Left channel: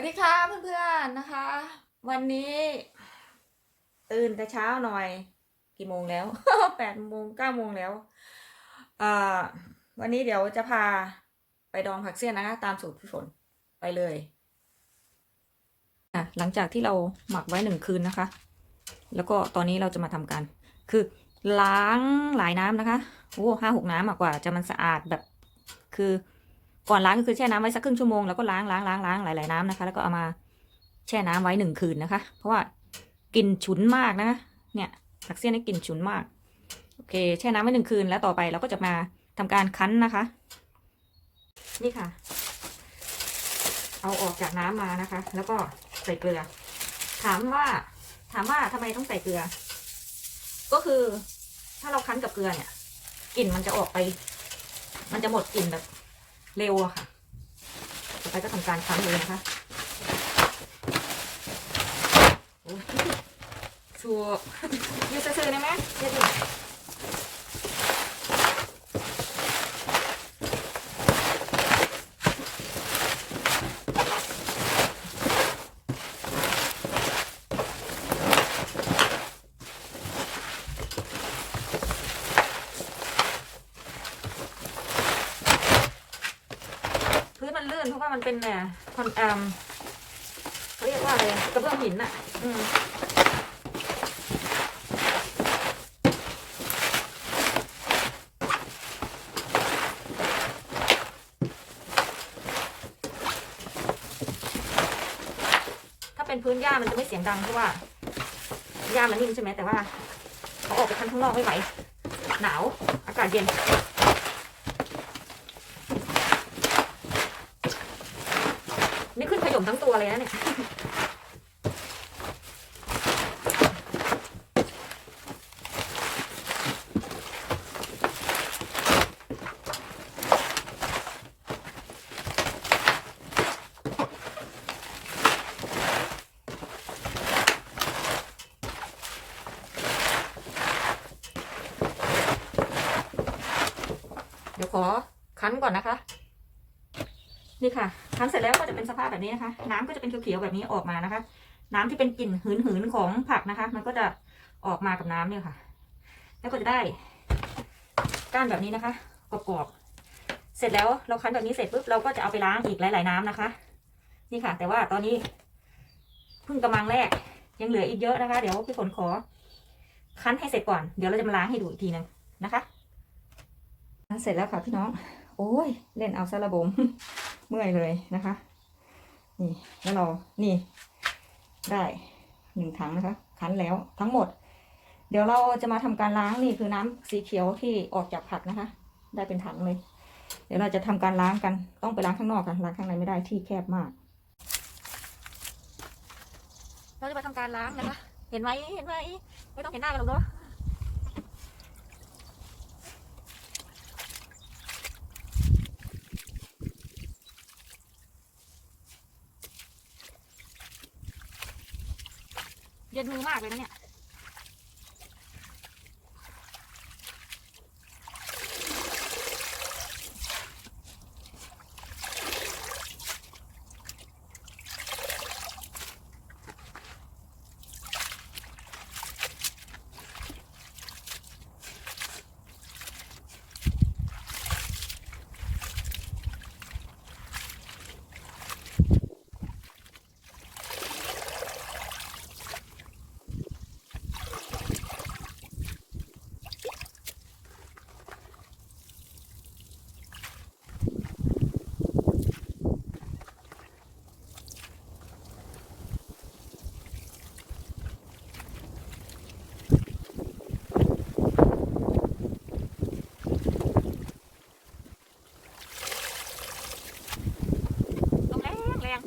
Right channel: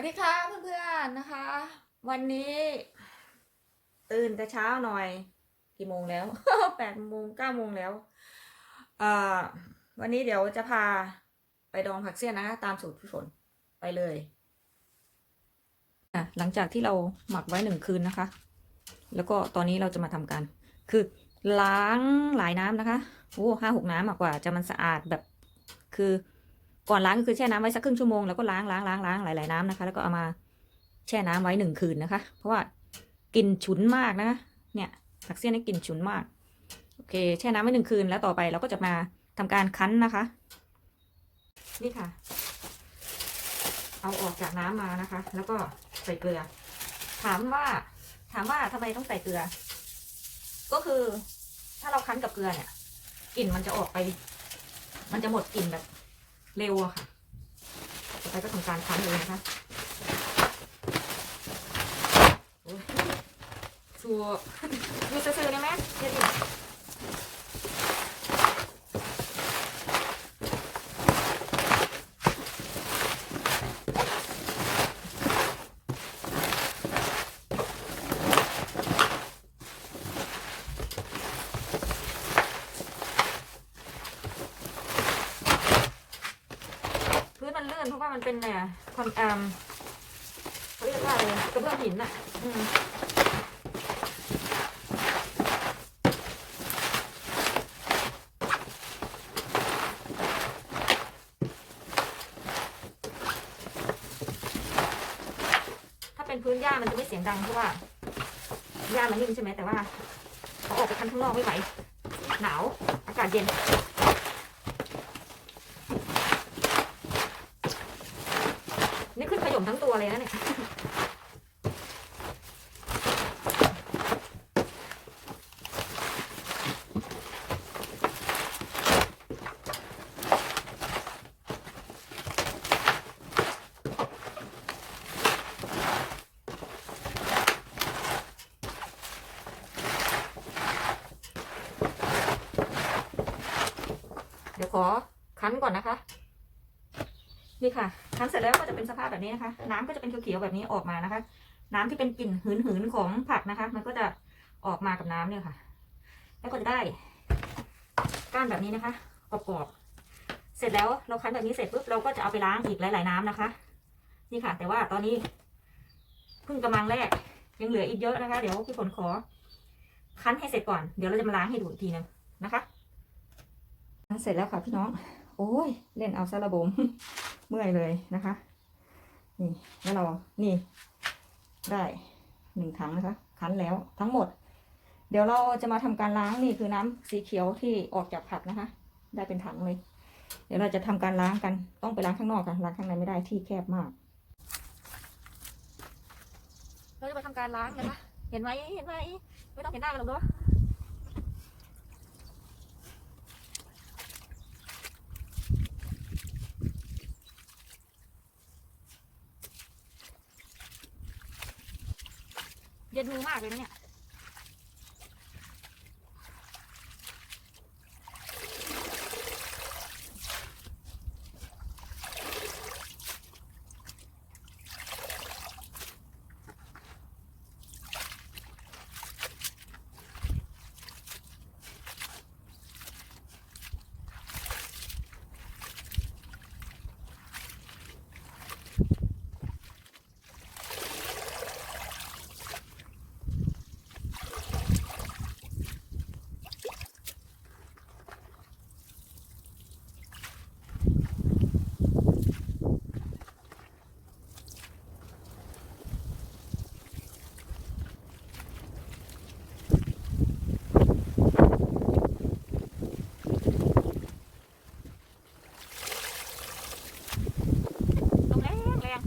วัสดีค่ะเพื่อนๆนะคะ วันนี้ ตื่นแต่เช้าหน่อย กี่โมงแล้วแปดโมงเก้าโมงแล้วอ่าวันนี้เดี๋ยวจะพาไปดองผักเสี้ยนนะคะ ตามสูตรพี่ฝนไปเลยอะหลังจากที่เราหมักไว้หนึ่งคืนนะคะ แล้วก็ตอนนี้เราจะมาทำการคือล้างหลายน้ำนะคะโอ้ห้าหกน้ำมากกว่าจะมันสะอาดแบบคือ ก่อนล้างก็คือแช่น้ำไว้สักครึ่งชั่วโมงแล้วก็ล้างล้างล้างล้างหลายๆน้ำนะคะ แล้วก็เอามาแช่น้ำไว้หนึ่งคืนนะคะ เพราะว่ากลิ่นฉุนมากนะคะเนี่ยผักเสี้ยนนี่กลิ่นฉุนมากโอเค แช่น้ำไว้หนึ่งคืนแล้วต่อไปเราก็จะมาทำการคั้นนะคะ นี่ค่ะ เอาออกจากน้ำมานะคะ แล้วก็ใส่เกลือ ถามว่า ถามว่าทำไมต้องใส่เกลือ ก็คือถ้าเราคั้นกับเกลือเนี่ยกลิ่นมันจะออกไป มันจะหมดกลิ่นแบบ เร็วอะค่ะต่อไปก็ทำการคั้นเลยนะคะชัวร์มีซื้อได้ไหมเดี๋ยวดิ ลื่นเพราะว่ามันเป็นเนี่ยคอนแอมเขาเรียกว่าอะไรกระเบื้องหินอะอืมถ้าเป็นพื้นหญ้ามันจะไม่เสียงดังเพราะว่าหญ้ามันนิ่มใช่ไหมแต่ว่าเขาออกไปคันข้างนอกไม่ไหวหนาว อากาศเย็น นี่ขึ้นขย มทั้งตัวเลยนะเนี่ยเดี๋ยวขอคั้นก่อนนะคะ นี่ค่ะคั้นเสร็จแล้วก็จะเป็นสภาพแบบนี้นะคะ น้ำก็จะเป็นเขียวๆแบบนี้ออกมานะคะ น้ำที่เป็นกลิ่นหืนๆของผักนะคะ มันก็จะออกมากับน้ำเนี่ยค่ะ แล้วก็จะได้ก้านแบบนี้นะคะกรอบๆเสร็จแล้วเราคั้นแบบนี้เสร็จปุ๊บเราก็จะเอาไปล้างอีกหลาย ๆน้ำนะคะ นี่ค่ะ แต่ว่าตอนนี้เพิ่งกำลังแรกยังเหลืออีกเยอะนะคะ เดี๋ยวพี่ฝนขอคั้นให้เสร็จก่อน เดี๋ยวเราจะมาล้างให้ดูอีกทีนึงนะคะเสร็จแล้วค่ะพี่น้อง โอ้ย เล่นเอาซะระบม เมื่อยเลยนะคะ นี่แล้วเรานี่ ได้หนึ่งถังนะคะ คั้นแล้วทั้งหมด เดี๋ยวเราจะมาทำการล้างนี่คือน้ำสีเขียวที่ออกจากผักนะคะ ได้เป็นถังเลย เดี๋ยวเราจะทำการล้างกันต้องไปล้างข้างนอกค่ะล้างข้างในไม่ได้ที่แคบมาก เราจะไปทำการล้างนะคะ เห็นไหมเห็นไหมไม่ต้องเห็นหน้ากันหรอกเนาะ เย็นมือมากเลยนะเนี่ย ลมแรงแรง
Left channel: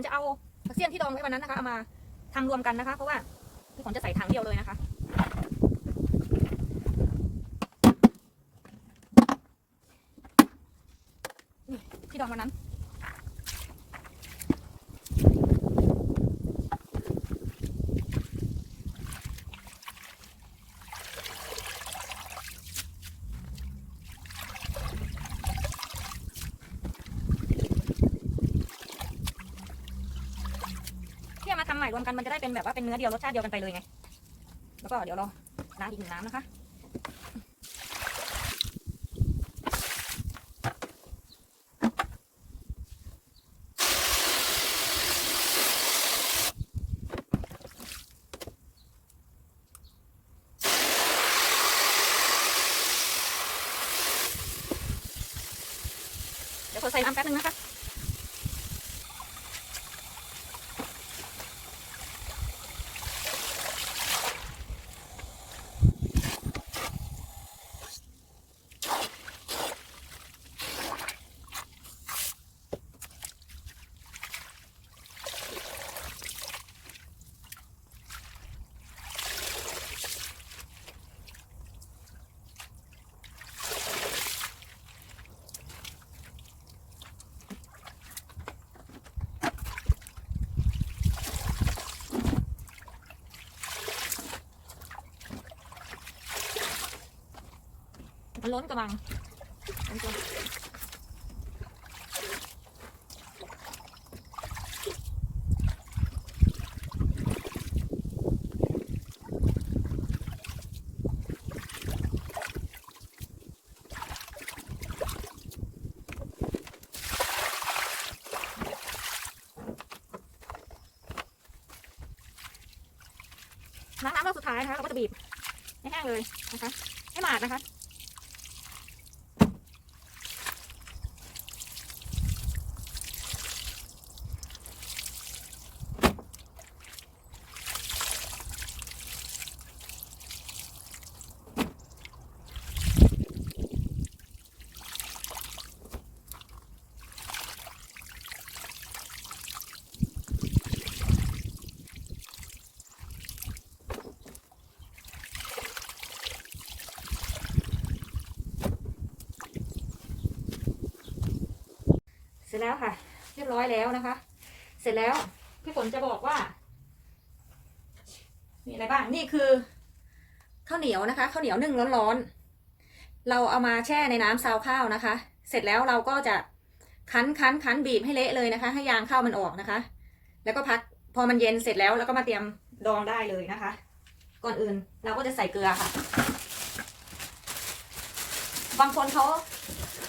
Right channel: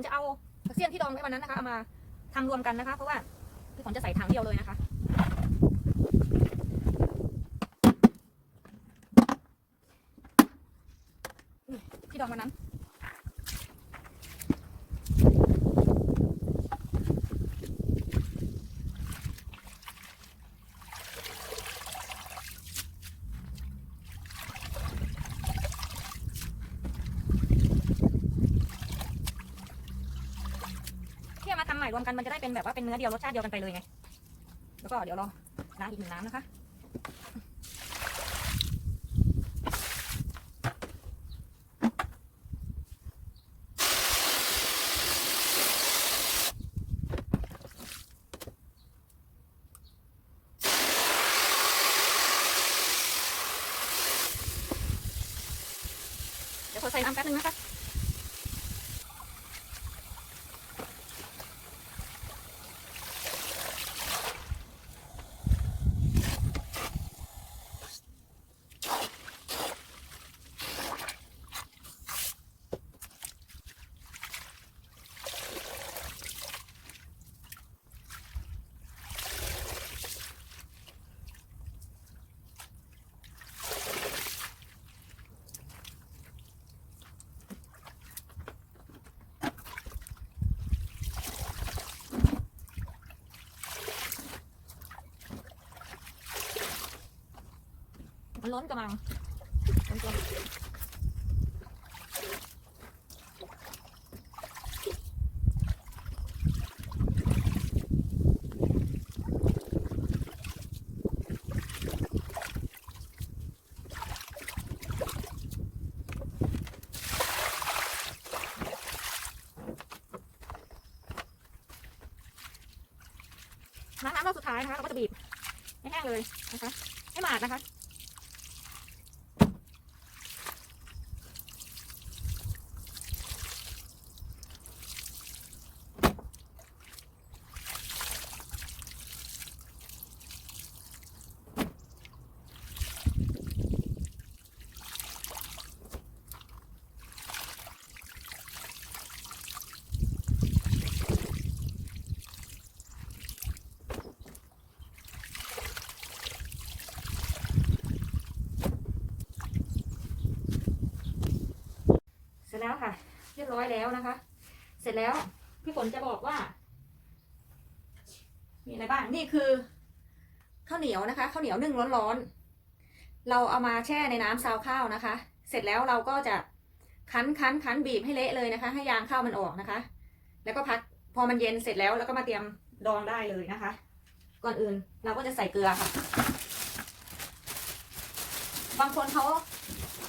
นจะเอาผักเสี้ยนที่ดองไว้วันนั้นนะคะเอามาทำรวมกันนะคะ เพราะว่าพี่ฝนจะใส่ถังเดียวเลยนะคะที่ดองวันนั้น ที่เอามาทำใหม่ รวมกันมันจะได้เป็นแบบว่าเป็นเนื้อเดียวรสชาติเดียวกันไปเลยไง แล้วก็เดี๋ยวราล้างอีกหนึ่งน้ำนะคะเดี๋ยวขอใส่น้ำแป๊บนึงนะคะ มันล้นกระมังล้นกระมังน้ำน้ำเราสุดท้ายนะคะเราก็จะบีบให้แห้งเลยนะคะให้หมาดนะคะ แล้วค่ะ เรียบร้อยแล้วนะคะ เสร็จแล้วพี่ฝนจะบอกว่า มีอะไรบ้าง นี่คือข้าวเหนียวนะคะข้าวเหนียวนึ่งร้อนๆ เราเอามาแช่ในน้ำซาวข้าวนะคะ เสร็จแล้วเราก็จะคั้นคั้นคั้นบีบให้เละเลยนะคะ ให้ยางข้าวมันออกนะคะ แล้วก็พักพอมันเย็นเสร็จแล้วแล้วก็มาเตรียมดองได้เลยนะคะ ก่อนอื่นเราก็จะใส่เกลือค่ะ บางคนเขา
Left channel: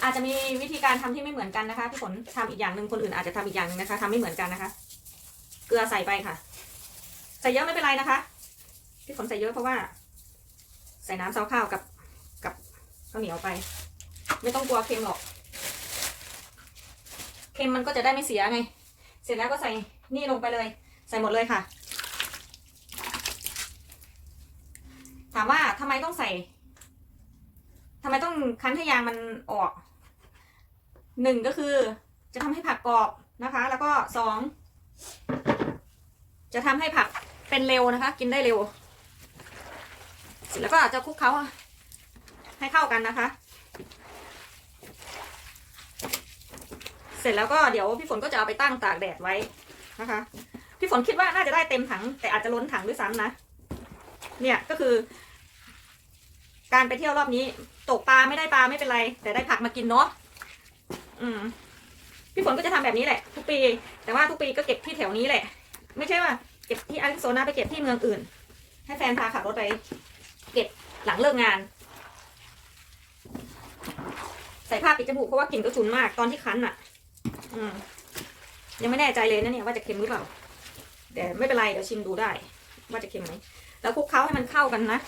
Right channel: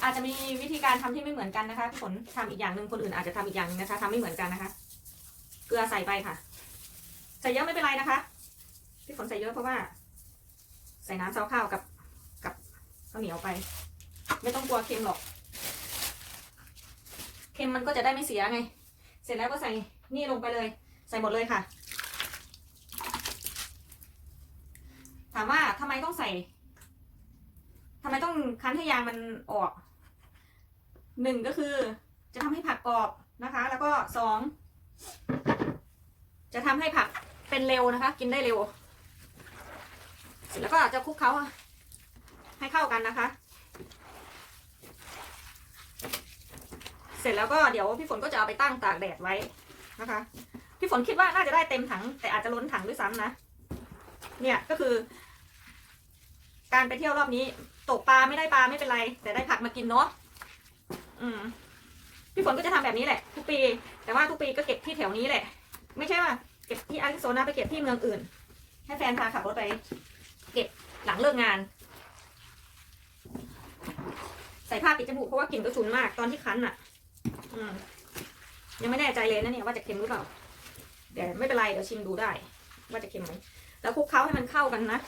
อาจจะมีวิธีการทำที่ไม่เหมือนกันนะคะพี่ฝนทำอีกอย่างหนึ่งคนอื่นอาจจะทำอีกอย่างหนึงนะคะทำไม่เหมือนกันนะคะ เกลือใส่ไปค่ะ ใส่เยอะไม่เป็นไรนะคะพี่ฝนใส่เยอะเพราะว่า ใส่น้ำซาวข้าวกับกับข้าวเหนียวไป ไม่ต้องกลัวเค็มหรอก เค็มมันก็จะได้ไม่เสียไง เสร็จแล้วก็ใส่นี่ลงไปเลย ใส่หมดเลยค่ะ ถามว่าทำไมต้องใส่ทำไมต้องคั้นให้ยางมันออก หนึ่งก็คือจะทำให้ผักกรอบนะคะ แล้วก็สองจะทำให้ผักเป็นเร็วนะคะ กินได้เร็วเสร็จแล้วก็จะคลุกเคล้าให้เข้ากันนะคะ เสร็จแล้วก็เดี๋ยวพี่ฝนก็จะเอาไปตั้งตากแดดไว้นะคะ พี่ฝนคิดว่าน่าจะได้เต็มถัง แต่อาจจะล้นถังด้วยซ้ำนะ เนี่ยก็คือ การไปเที่ยวรอบนี้ ตกปลาไม่ได้ปลาไม่เป็นไร แต่ได้ผักมากินเนาะ อืมพี่ฝนก็จะทำแบบนี้แหละ ทุกปี แต่ว่าทุกปีก็เก็บที่แถวนี้แหละ ไม่ใช่ว่าเก็บที่อาริโซนาไปเก็บที่เมืองอื่น ให้แฟนพาขับรถไปเก็บหลังเลิกงาน ใส่ผ้าปิดจมูกเพราะว่ากลิ่นก็ฉุนมากตอนที่คั้นอะ อืมยังไม่แน่ใจเลยนะเนี่ยว่าจะเค็มหรือเปล่าแต่ไม่เป็นไรเดี๋ยวชิมดูได้ ว่าจะเค็มไหมแล้วคลุกเคล้าให้มันเข้ากันนะ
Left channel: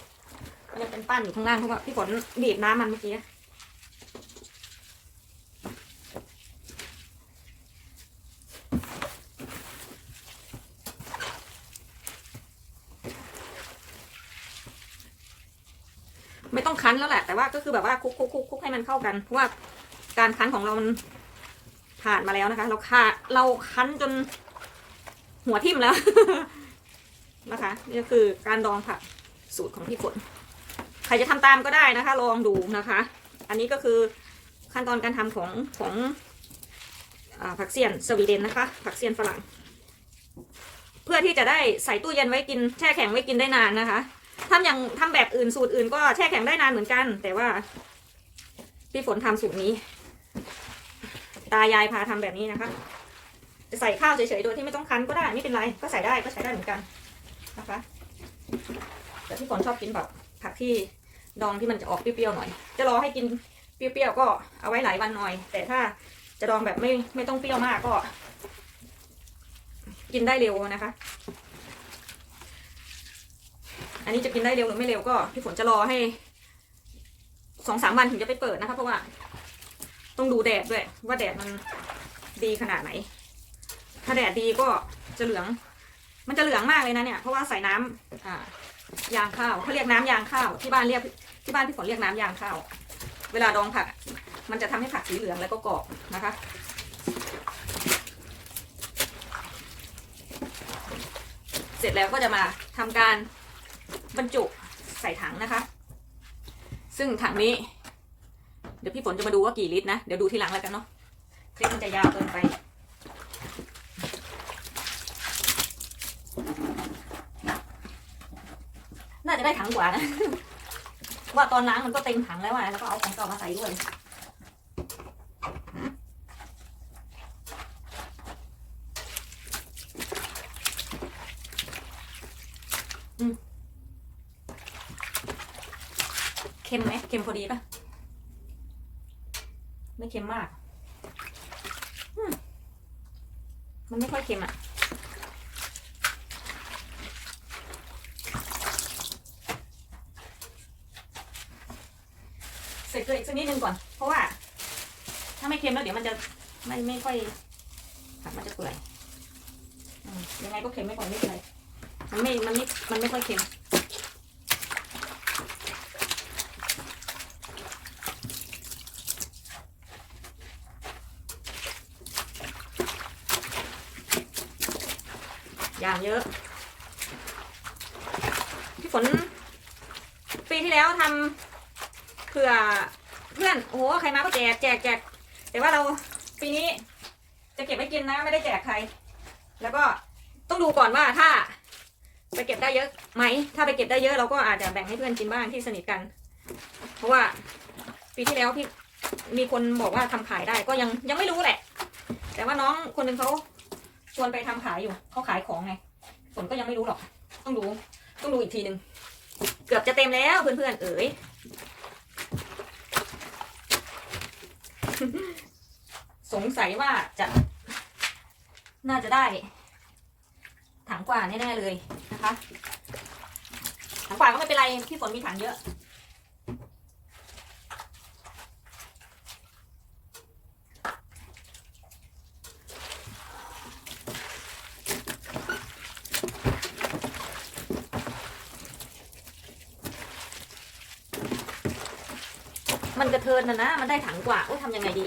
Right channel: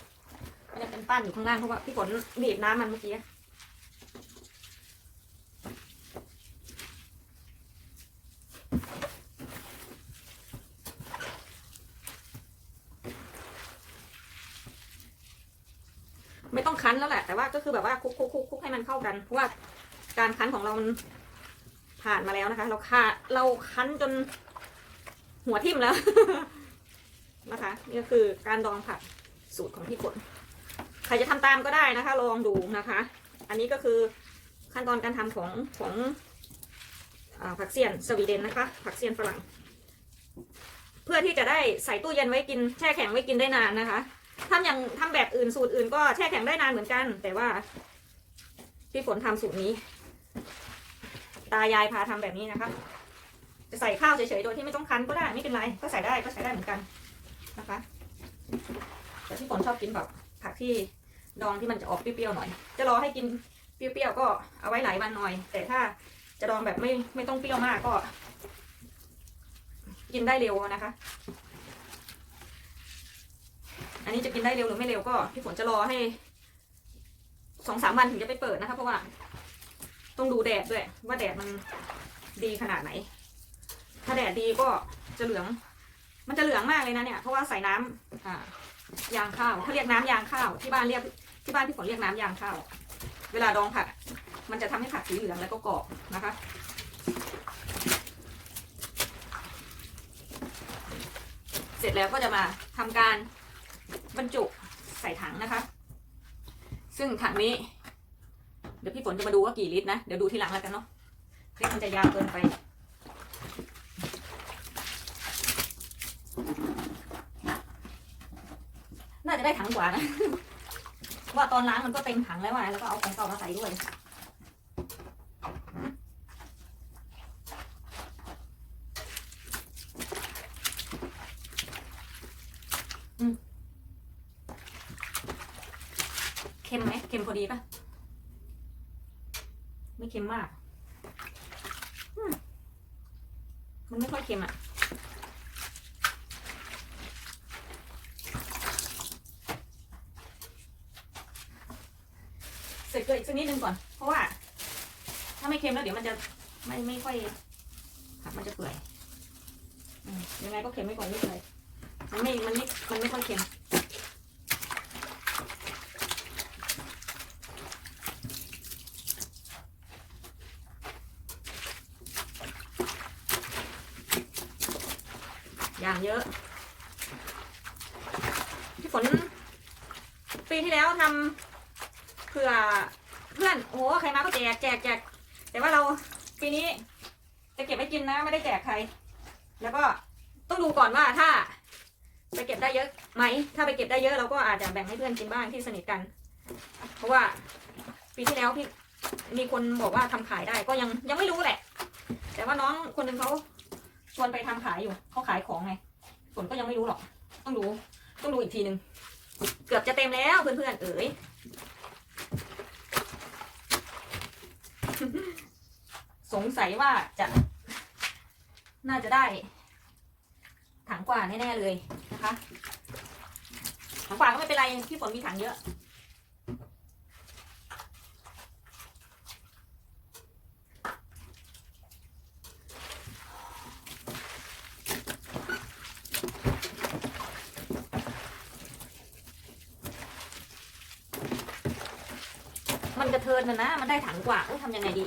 มันจะเป็นปั้นอยู่ข้างล่างเพราะว่าพี่ฝนบีบน้ำมันเมื่อกี้ ไม่ต้องคั้นแล้วแหละ แต่ว่าก็คือแบบว่าคลุกคลุกคลุกคลุกให้มันเข้ากัน เพราะว่าการคั้นของเรามันผ่านมาแล้วนะคะ เราคาเราคั้นจนหัวทิ่มแล้วนะคะนี่ก็คือการดองผักสูตรของพี่ฝนใครจะทำตามก็ได้นะคะ ลองดูนะคะ อันนี้ก็คือขั้นตอนการทำของของอผักเสียนสวีเดนนะคะ ผักเสียนฝรั่ง เพื่อที่จะได้ใส่ตู้เย็นไว้กินแช่แข็งไว้กินได้นานนะคะ ทำอย่างทำแบบอื่นสูตรอื่นก็แช่แข็งได้นานเหมือนกัน แต่ว่าพี่ฝนทำสูตรนี้ ตายายพาทำแบบนี้นะคะจะใส่ข้าวเฉยๆโดยที่ไม่ต้องคั้นก็ได้ไม่เป็นไร ก็ใส่ได้ก็ใช้ได้เหมือนกันนะคะแต่ที่ฝนชอบกินแบบผักที่ดองที่มันจะออกเปรี้ยวๆหน่อย จะรอให้กินเปรี้ยวๆก็เอาไว้หลายวันหน่อย แต่ถ้าจะดองแบบไม่ไม่ต้องเปรี้ยวมากก็ กินได้เร็วนะคะ อันนี้จะกินได้เร็วหรือไม่เร็วก็พี่ฝนจะรอให้สองสามวันถึงจะไปเปิดนะคะเพราะว่า ต้องดูแดดด้วย ว่าแดดมันดีขนาดไหน ถ้าแดดดีก็จะเหลือง มันจะเหลืองมากเลยนะเนี่ยเพราะว่าใส่น้ำอ่ายางข้าวเขาเรียกน้ำยางข้าวที่บ้านเรียกที่บ้านพี่ฝนเรียกน้ำยางข้าวเวลาดองผักมันจะทำให้ผักสีเหลืองแล้วก็กรอบนะคะเสร็จแล้วก็จะมาทำการ บรรจุใส่ถังนะคะ ซึ่งถังนี้ เดี๋ยวพี่ฝนจะมาดูว่ากี่ลิตรนะ เดี๋ยวดูทีหลังแล้วกันเนาะคลิปมันจะยาวเกินไป น่าจะได้ถังกว่านะ ว่าตอนล้างมันก็เต็มถังแล้วอะแล้วก็เอาของเก่ามาใส่ด้วย เค็มไหมเค็มพอดีปะ ไม่เค็มมาก มันไม่ค่อยเค็มอะ ใส่เกลืออีกสักนิดนึงก่อน เพราะว่า ถ้าไม่เค็มแล้วเดี๋ยวมันจะไม่ไม่ค่อยผักมันจะเปื่อยยังไงก็เค็มไม่ก่อนไม่เป็นไรมันไม่ มันไม่ มันไม่ค่อยเค็ม อย่างเยอะ พี่ฝนปีที่แล้วทำเผื่อเพื่อนโอ้โหใครมาก็แจกแจกแจกแต่ว่าเราปีนี้ จะเก็บไว้กินนะไม่ได้แจกใคร แล้วก็ต้องดูก่อนว่าถ้าไปเก็บได้เยอะไหม ถ้าไปเก็บได้เยอะเราก็อาจจะแบ่งให้เพื่อนกินบ้างที่สนิทกัน เพราะว่าปีที่แล้วพี่มีคนบอกว่าทำขายได้ก็ยังยังไม่รู้แหละ แต่ว่าน้องคนหนึ่งเขา ชวนไปทำขายอยู่เขาขายของไงฝนก็ยังไม่รู้หรอก ต้องดูต้องดูอีกทีหนึ่งเกือบจะเต็มแล้วเพื่อนๆเอ๋ยสงสัยว่าจะน่าจะได้ถังกว่าแน่ๆเลยนะคะถังกว่าก็ไม่เป็นไรพี่ฝนมีถังเยอะ มันกระนะ มันได้ถังกว่าเอ้ทำยังไงดี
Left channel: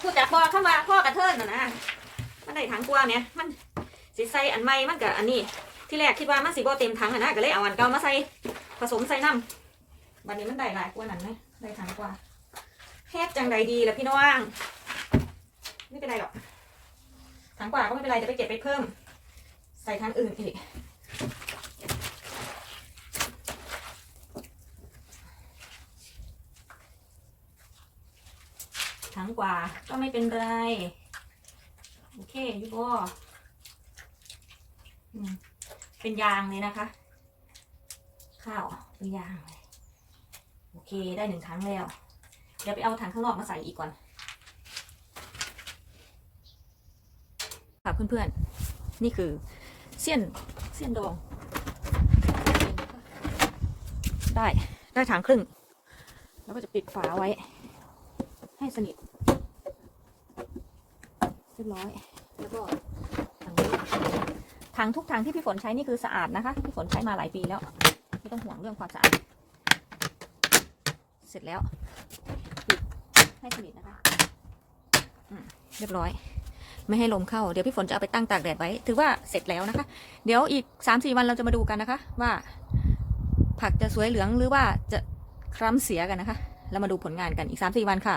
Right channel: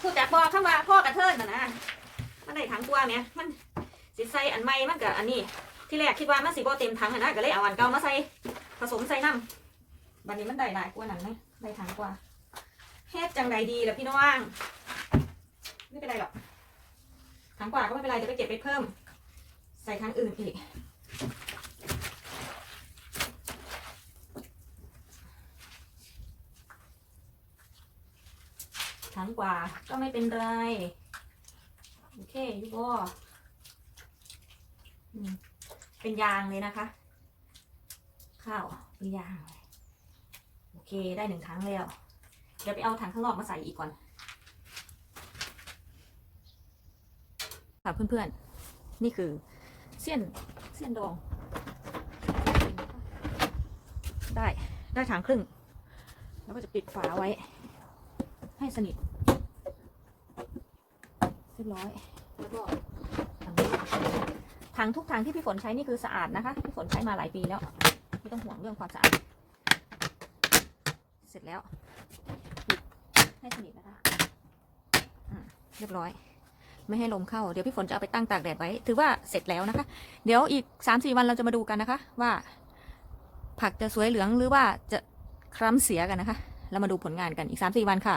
พูดจากพ่อเข้ามาพ่อกระเทินนะนะมันได้ถังกว่าเนี่ยมันสิใส่อันใหม่มันกับอันนี้ ที่แรกคิดว่ามันสิบ่เต็มถังอะนะก็เลยเอาอันเก่ามาใส่ผสมใส่น้ำบัดนี้มันได้หลายกว่านั้นนะได้ถังกว่าเฮ็ดจังไดดีล่ะพี่น้องไม่เป็นไรหรอกถังกว่าก็ไม่เป็นไรจะไปเก็บไปเพิ่ม ใส่ถังอื่นอีก ถังกว่าก็ไม่เป็นไร โอเคยูบอเป็นยางเลยนะคะ ข้าวเป็นยางเลยโอเคได้หนึ่งถังแล้ว เดี๋ยวไปเอาถังข้างนอกมาใส่อีกก่อน ค่ะเพื่อนๆ นี่คือเสี้ยนเสี้ยนดอง ได้ได้ถังครึ่ง แล้วก็จะปิดฝาไว้ ให้สนิท รียบร้อยแล้วก็ถังทุกถังที่พี่ฝนใช้นี่คือสะอาดนะคะ พี่ฝนใช้มาหลายปีแล้วไม่ต้องห่วงเรื่องความสะอาด เสร็จแล้วปิดให้สนิทนะคะเรียบร้อย ไม่ให้ลมเข้า เดี๋ยวพี่ฝนจะเอาไปตั้งตากแดดไว้ ถือว่าเสร็จแล้วนะคะ เดี๋ยวอีกสามสี่วันเราจะมาดูกันนะคะ ว่า ผักจะสวยเหลืองหรือว่าจะคล้ำเสียกันนะคะ เรามาดูผลงานกันอีกสามสี่วันค่ะ